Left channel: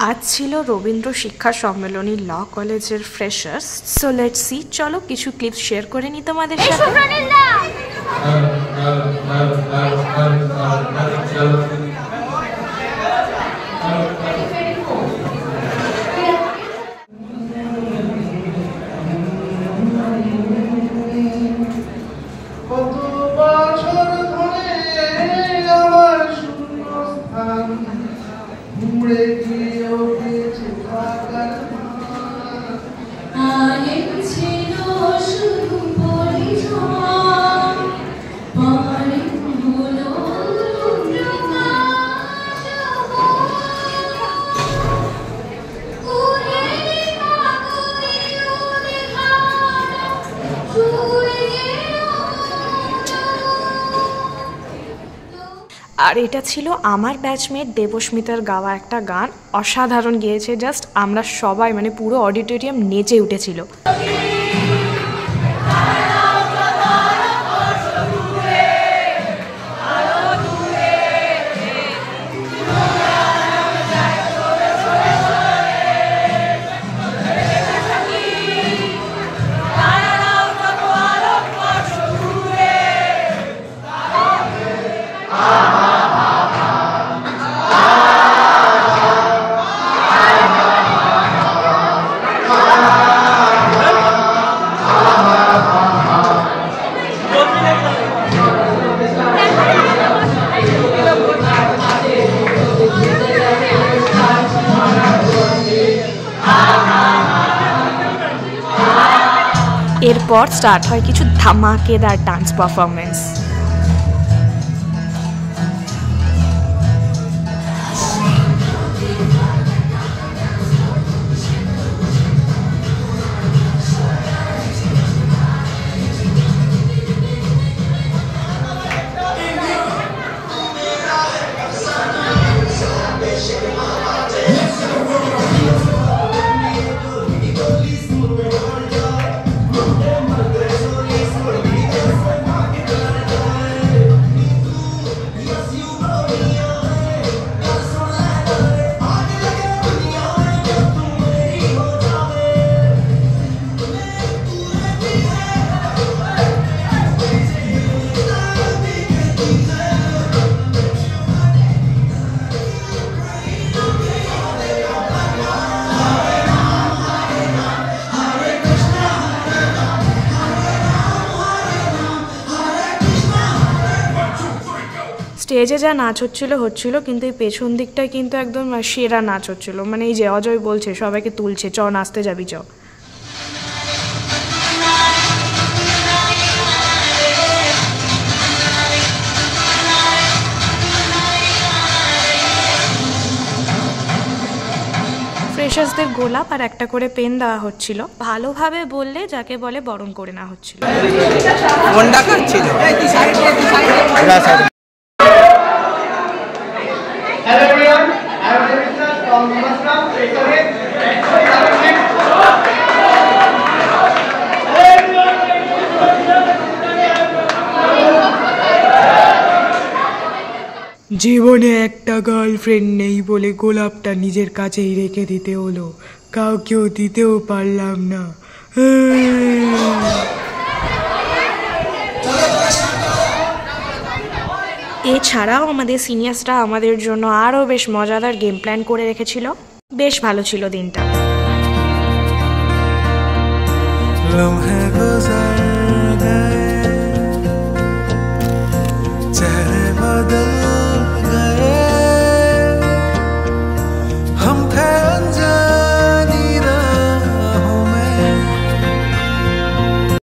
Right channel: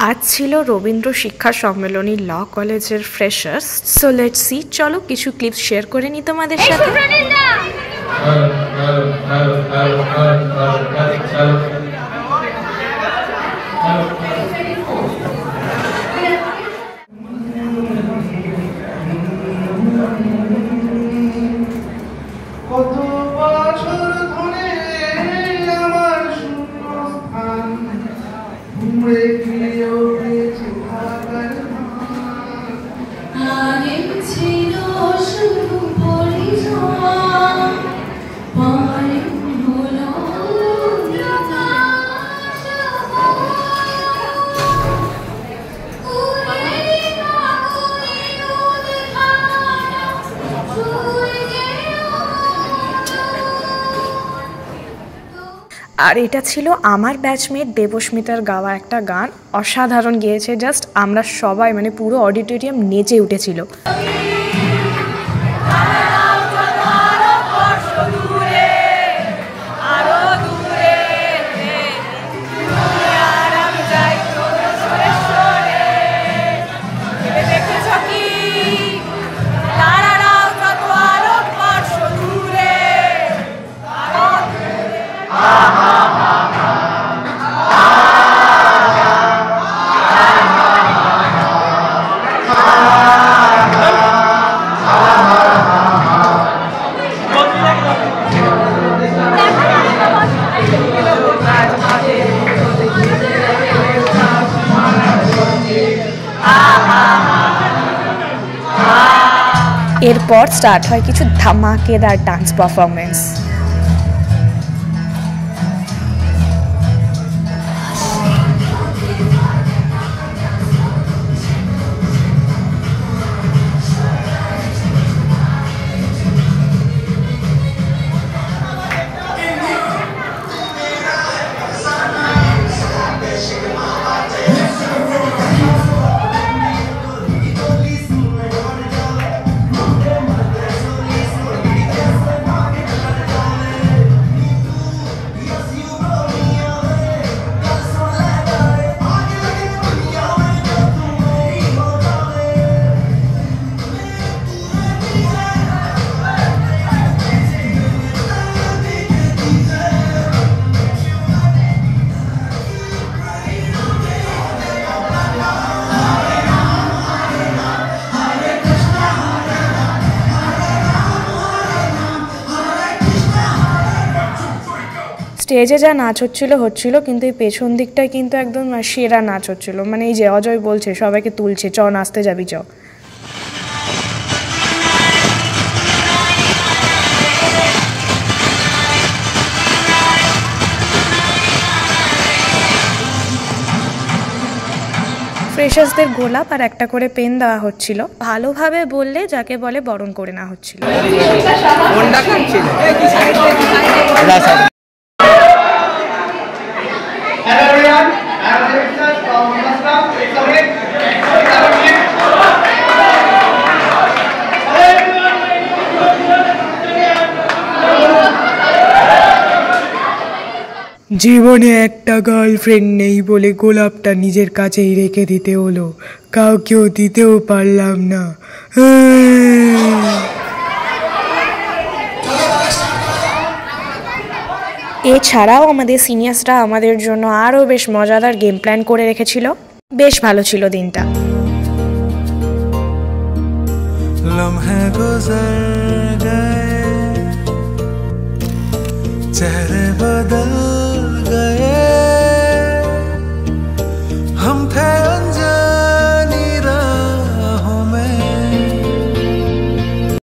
आज छिलो रवींद्र शिक्षा सम्मेलनी ल कलेजर फ्रेशार्स। सो लेट्स सी, चलो किछु क्लिप्स शेयर करे नी तोमादेर साथे। আর এটা ছিল আমার ব্যাচমেট দেবস্মিতার গাওয়া একটা গান। অসাধারণ গেয়েছে, জাস্ট আমরা সবাই মানে পুরো অডিটোরিয়াম নেচে উঠেছিল। এরপর স্টার্ট হয় কিছু ধামাকেদার ডান্স পারফরমেন্স। স্টেজে যা নাচ হচ্ছিল কিন্তু এই পেছন দিকটায় কিন্তু একদম সেরা নাচ হচ্ছিল। মানে এই যে অজয় বলছে সবাইকে তুলছে, চ নাচতে যাবি চ। ফ্রেশার্সদের গোলাপ আর একটা করে পেন দেওয়া হচ্ছিল। ভালোভাবে বললে যাকে বলে বরণ করে না হচ্ছিল। জীবনে একটা গার্লফ্রেন্ড নেই বলে গোলাপটা নিজের কাছেই রেখে দিতে হলো, কাউকেও দিতেও পারলাম না। এছাড়াও আমাদের সিনিয়র্সরা আমাদের জন্য আরও বেশ মজাদার গেম প্ল্যান করে রেখেছিল। বেশ ভালো ছিল দিনটা। লম্হে গুজর গয়ে চেহরে বদল গয়ে।